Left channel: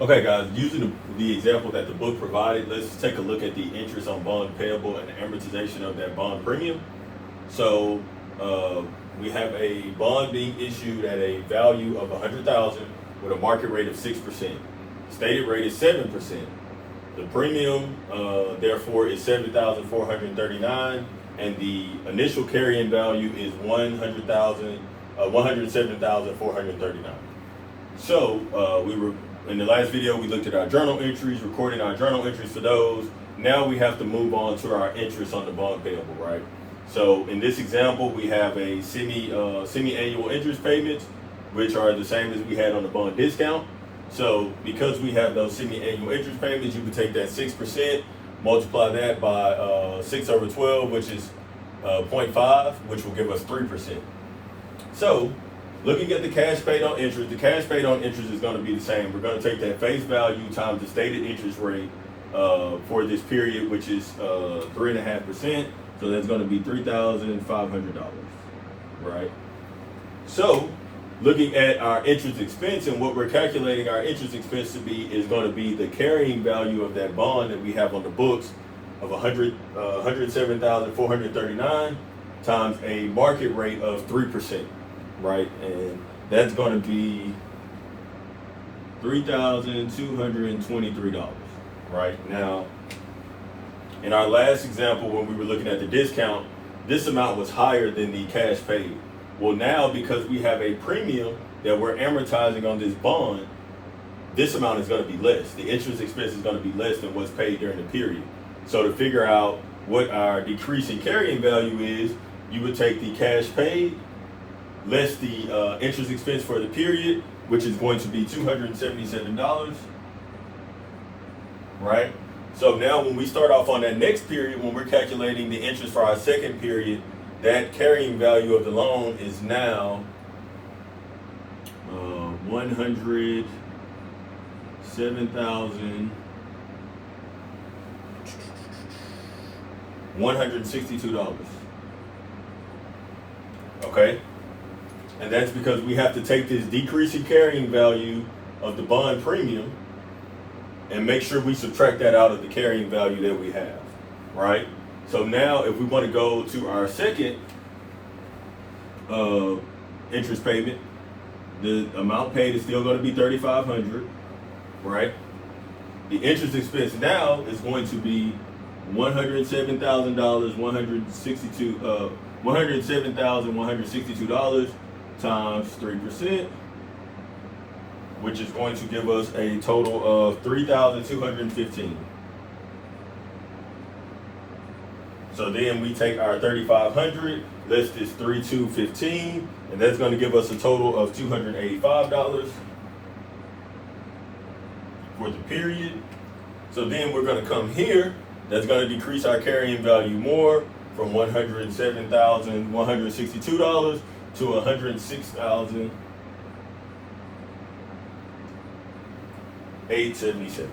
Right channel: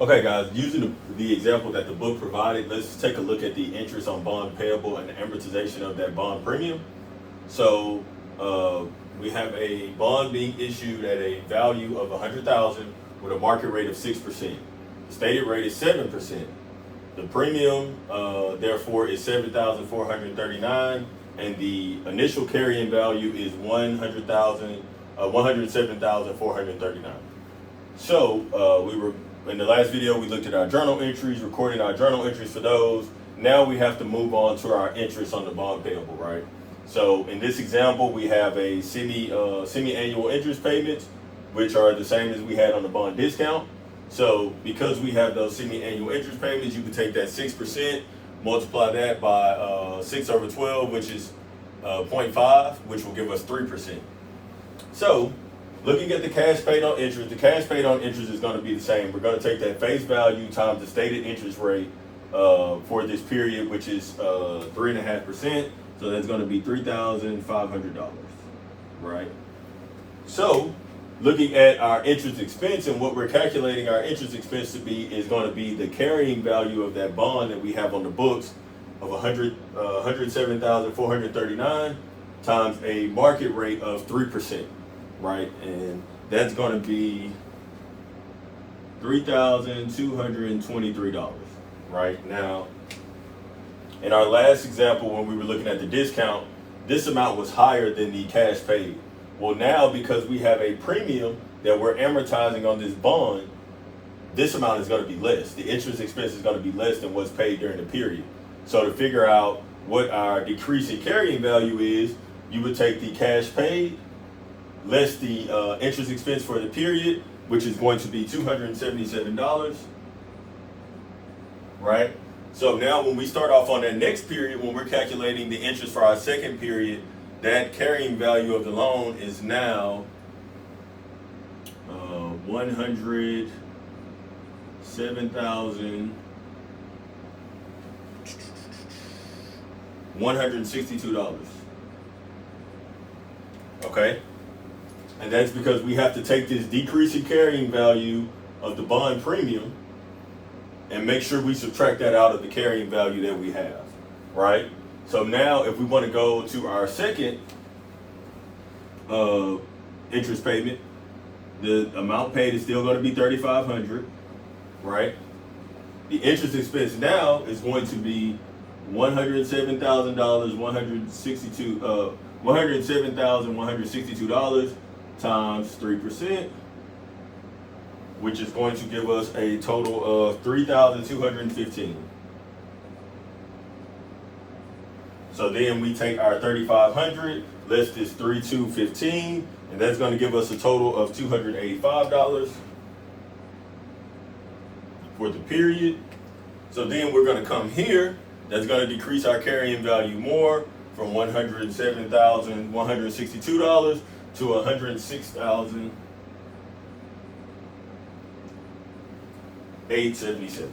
Okay, guys, using the example that the book provided, let's take a look at the interest on bond payable and amortization of that bond premium. So uh, we have a bond being issued at a value of 100,000 with a market rate of 6%. Stated rate is 7%. The premium, therefore, is 7,439, and the initial carrying value is 107,439. So we were in the last video. We looked at our journal entries, recorded our journal entries for those. Now we have to move on to our interest on the bond payable, right? So in this example, we have a semi-annual interest payments, which are the same as we had on the bond discount. So because we have those semi-annual interest payments, you can take that 6%, multiply that by 6 over 12, which is 0.5, which will give us 3%. So looking at the cash paid on interest, the cash paid on interest is going to be the same. We're going to take that face value times the stated interest rate for this period, which is 3.5%. So that's going to be $3,500, right? So looking at our interest expense, and what we're calculating our interest expense to be is going to be the carrying value of that bond that we have on the books of 107,439 times a market rate of 3%, right? And that's going to be $3,223, right? Now, in our last example, when we were looking at the discount, this amount was higher than the cash paid. Well, now because we have a premium that we're amortizing on this bond, this amount is going to be less. The interest expense is going to be less than what's paid during the period. So to figure out what our decrease in carrying value is, you would take the cash paid less the interest expense for the period, which is going to be $277, right? So now when we start off on that next period, when we're calculating the interest for our second period, that carrying value of the loan is now 107,162. Okay? And that's because we have to take this decrease in carrying value of the bond premium and make sure we subtract that out of the carrying value that we have, right? So now if we want to go to our second interest payment, the amount paid is still going to be $3,500, right? The interest expense now is going to be $107,162 times 3%, which is going to give us a total of 3,215. So then we take our 3,500 less this 3,215, and that's going to give us a total of $285 for the period. So then we're going to come here. That's going to decrease our carrying value more from $107,162 to $106,877.